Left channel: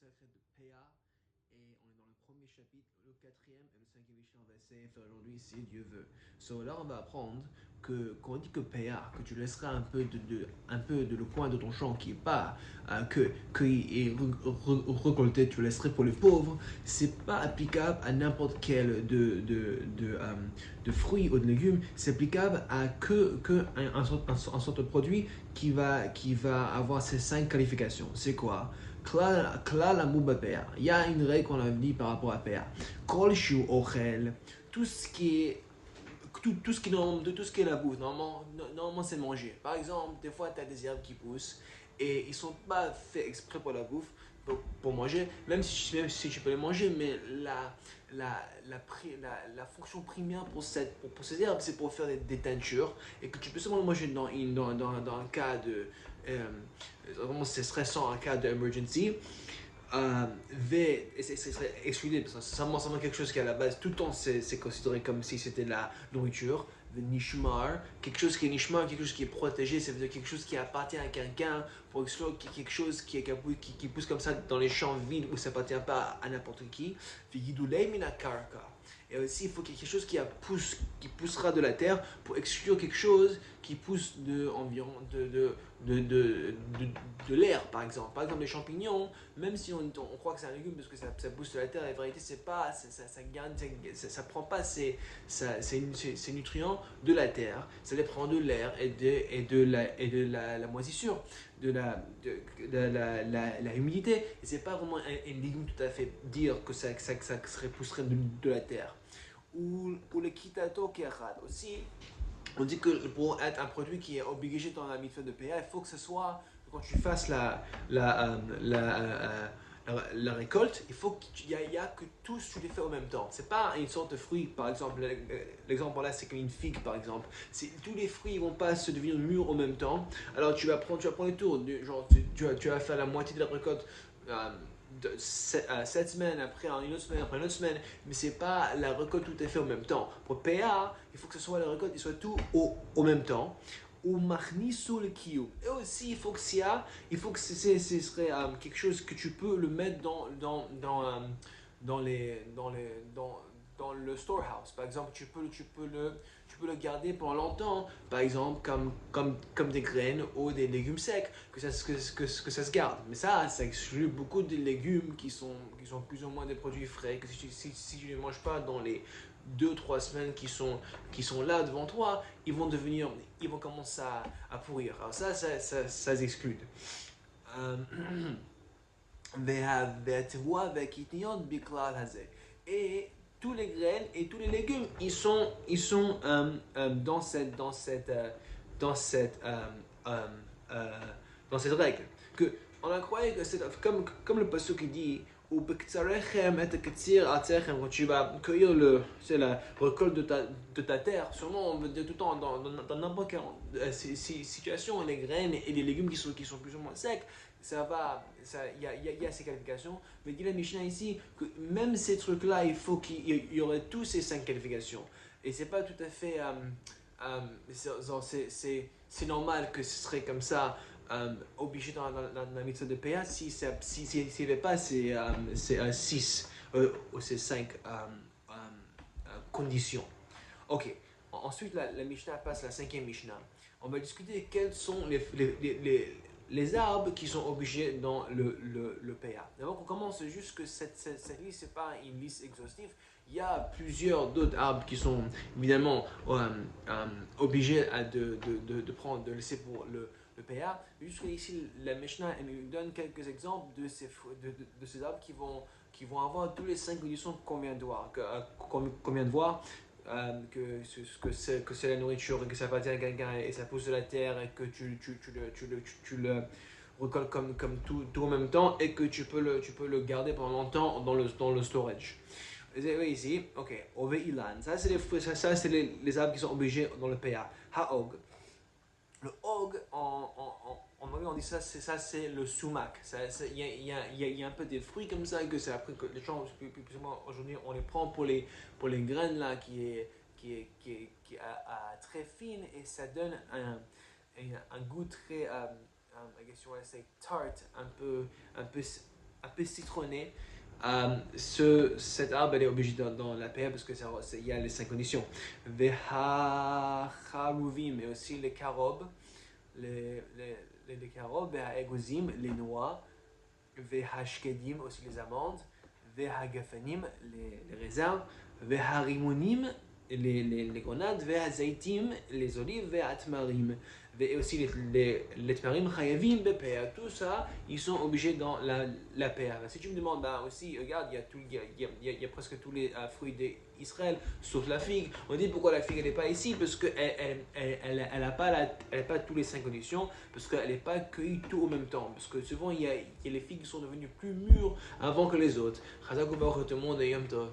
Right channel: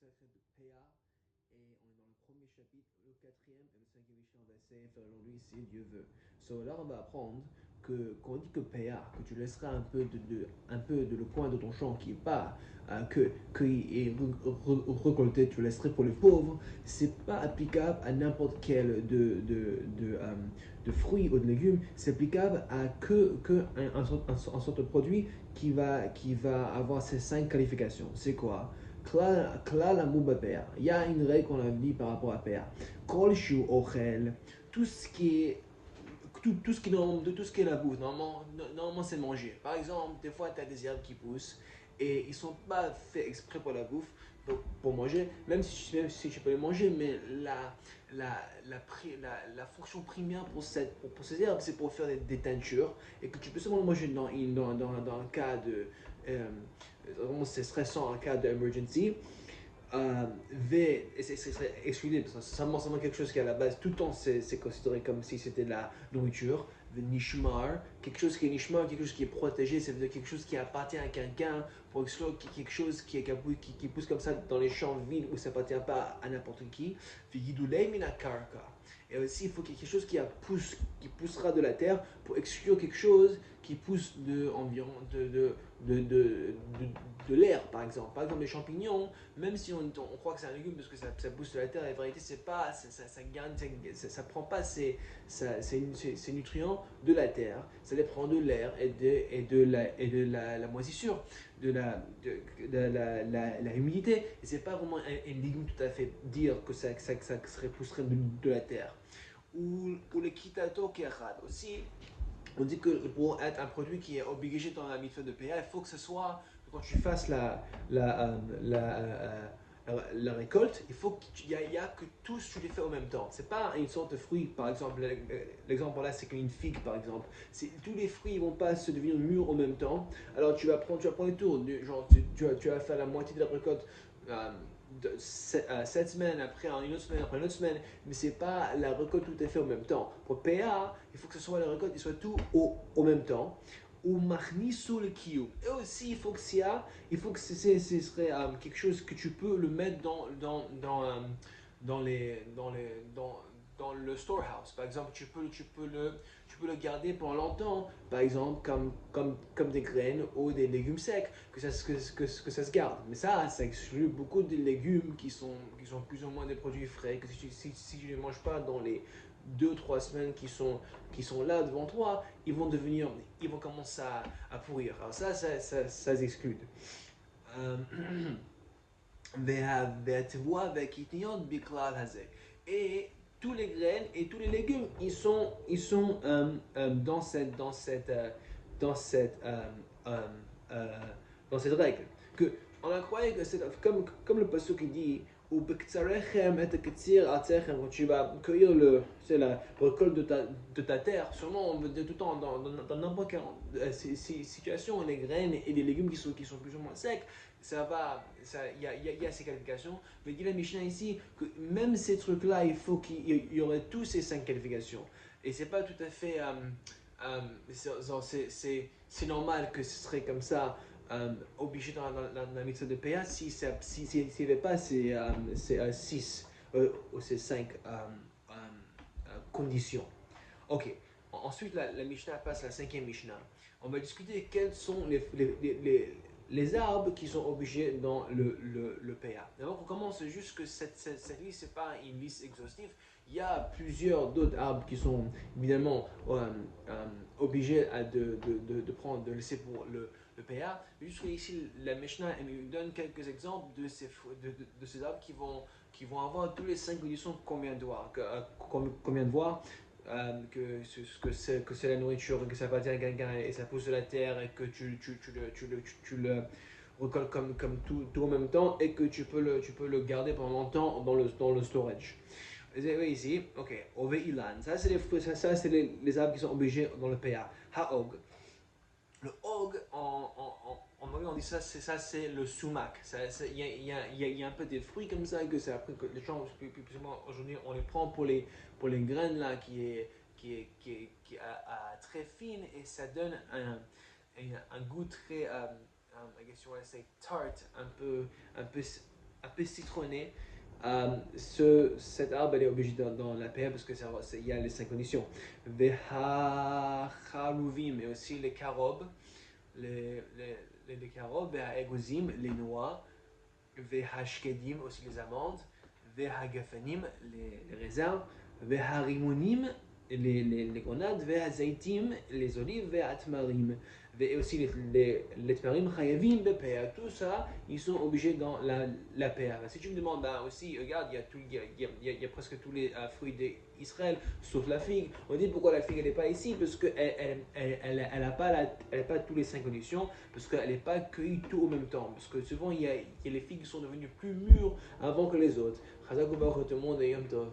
consacré de PA et on est dans le premier chapitre, le quatrième et le cinquième Mishnah. On va essayer de faire aujourd'hui si Dieu veut. So là, on va apprendre que quand on dit que PA, que tu laisseras un peu de le coin de ton champ qui est pas qui est récolté, tu le laisserais pour les pauvres. C'est pas applicable à n'importe quel de fruits ou de légumes. C'est applicable à un sorte de produit qui va avoir ces 5 qualifications. C'est quoi? Klal Amou PA. Il y a une règle qu'on a dit par rapport à PA. Kol Shu Ochel, tout ce qui est tout ce qui est la bouffe, normalement c'est manger. Par exemple, des fois tu as des herbes qui poussent et ils sont pas faits exprès pour la bouffe, pour manger, même si tu peux les manger, mais la fonction primaire pour ces herbes, c'est pour faire des teintures et que tu peux seulement manger dans un cas de. Vraiment, c'est stressant, un cas d'emergency. Et c'est exclu parce que c'est vraiment quelque chose qui à la base tout le temps c'est considéré comme si c'était de la nourriture. Le nishmar, quelque chose qui est nishmar, quelque chose qui est protégé, ça veut dire quelque chose qui appartient à quelqu'un pour exclure quelque chose qui pousse comme ça dans les champs vides où ça appartient pas à n'importe qui. Et aussi il faut quelque chose qui poussera de la terre pour exclure quelque chose qui pousse environ de l'air par exemple. Par exemple les champignons, même si on croit que c'est un légume parce que ça pousse de la terre, la vérité c'est pas, ça prend pas ces nutriments de la terre, ça les prend de l'air et de la moisissure, la humidité. Et c'est pas vraiment un légume tout à fait dire que ça serait pousserait de la terre. Ou le kitato kerad aussi. On dit que pour être un produit qui est obligé dans la mitzvah de PA, il faut que ce soit, quand tu fasses la récolte, il faut qu'il y a que tous tu les fais en même temps. C'est pas une sorte de fruit, par exemple. L'exemple là, c'est comme une figue, par exemple. Tous les fruits ne vont pas se devenir mûrs en même temps. Alors tu vas prendre le tour. Genre, tu vas faire la moitié de la récolte. 7 semaines après, une autre semaine après une autre semaine, mais c'est pas la récolte tout à fait en même temps. Pour PA, il faut que ce soit la récolte, il soit tout au même temps. Ou machnisu le kiou. Et aussi, il faut que ce serait quelque chose que tu peux le mettre dans dans le storehouse. Par exemple, tu peux le garder pendant longtemps, par exemple, comme des graines ou des légumes secs, que ça se garde. Mais ça exclut beaucoup de légumes qui sont plus ou moins des produits frais, que si tu ne les manges pas dans les 2 ou 3 semaines qui sont là devant toi, ils vont commencer à pourrir. Alors ça s'exclut. Et tous les graines et tous les légumes, dans dans cette, euh, euh, euh, dans cette règle. Que on a croyé que c'est comme le pasteur qui dit ou quand tu vas cueillir la récolte de ta terre, sûrement on veut dire tout le temps dans n'importe quelle situation, les graines et les légumes qui sont plus ou moins secs, il y a ces qualifications. Mais il dit la Mishnah ici que même ces trucs-là, il faut qu'il y aurait tous ces 5 qualifications. Et c'est pas tout à fait. C'est normal que ce serait comme ça, obligé dans la méthode de PA s'il n'y avait pas ces 6 ou ces 5 conditions. Ok. Ensuite, la Mishnah passe à la cinquième Mishnah. On va discuter quels sont les arbres qui sont obligés dans le PA. D'abord, on commence juste que cette liste, ce n'est pas une liste exhaustive. Il y a plusieurs d'autres arbres qui sont évidemment obligés de laisser pour le PA. Juste ici, la Mishnah nous donne quelques exemples de ces arbres qui vont avoir tous les 5 conditions qu'on vient de voir. Que c'est la nourriture, que ça appartient à quelqu'un et ça pousse de la terre et que tu le récoltes comme tout en même temps et que tu peux le garder pendant longtemps dans le storage. Vous avez ici, ok, Oveilan, ça c'est les arbres qui sont obligés dans le PA. Haog, le hog, en anglais on dit ça, c'est le sumac. Il y a un peu des fruits comme ça, que c'est après que les gens, aujourd'hui, on les prend pour les graines là, qui est très fine et ça donne un goût très, I guess you want to say tart, un peu citronné. Cet arbre, elle est obligé dans la paix parce qu'il y a les 5 conditions. Veha-chaluvim, mais aussi les carobes, les carobes, veha-egozim, les noix, veha-shkedim, aussi les amandes, veha-gafanim, les raisins, veha-rimonim, les grenades, veha-zaitim, les olives, veha-tmarim. Et aussi les tmarim chayavim bepea. Tout ça, ils sont obligés dans la paix. Si tu me demandes, bah aussi, regarde, il y a presque tous les fruits d'Israël, sauf la figue. On dit pourquoi la figue n'est pas ici, parce qu'elle n'a pas tous les 5 conditions, parce qu'elle n'est pas cueillie tout au même temps. Parce que souvent, il y a les figues qui sont devenues plus mûres avant que les autres. Chazak U'Baruch tout le monde et Yom Tov.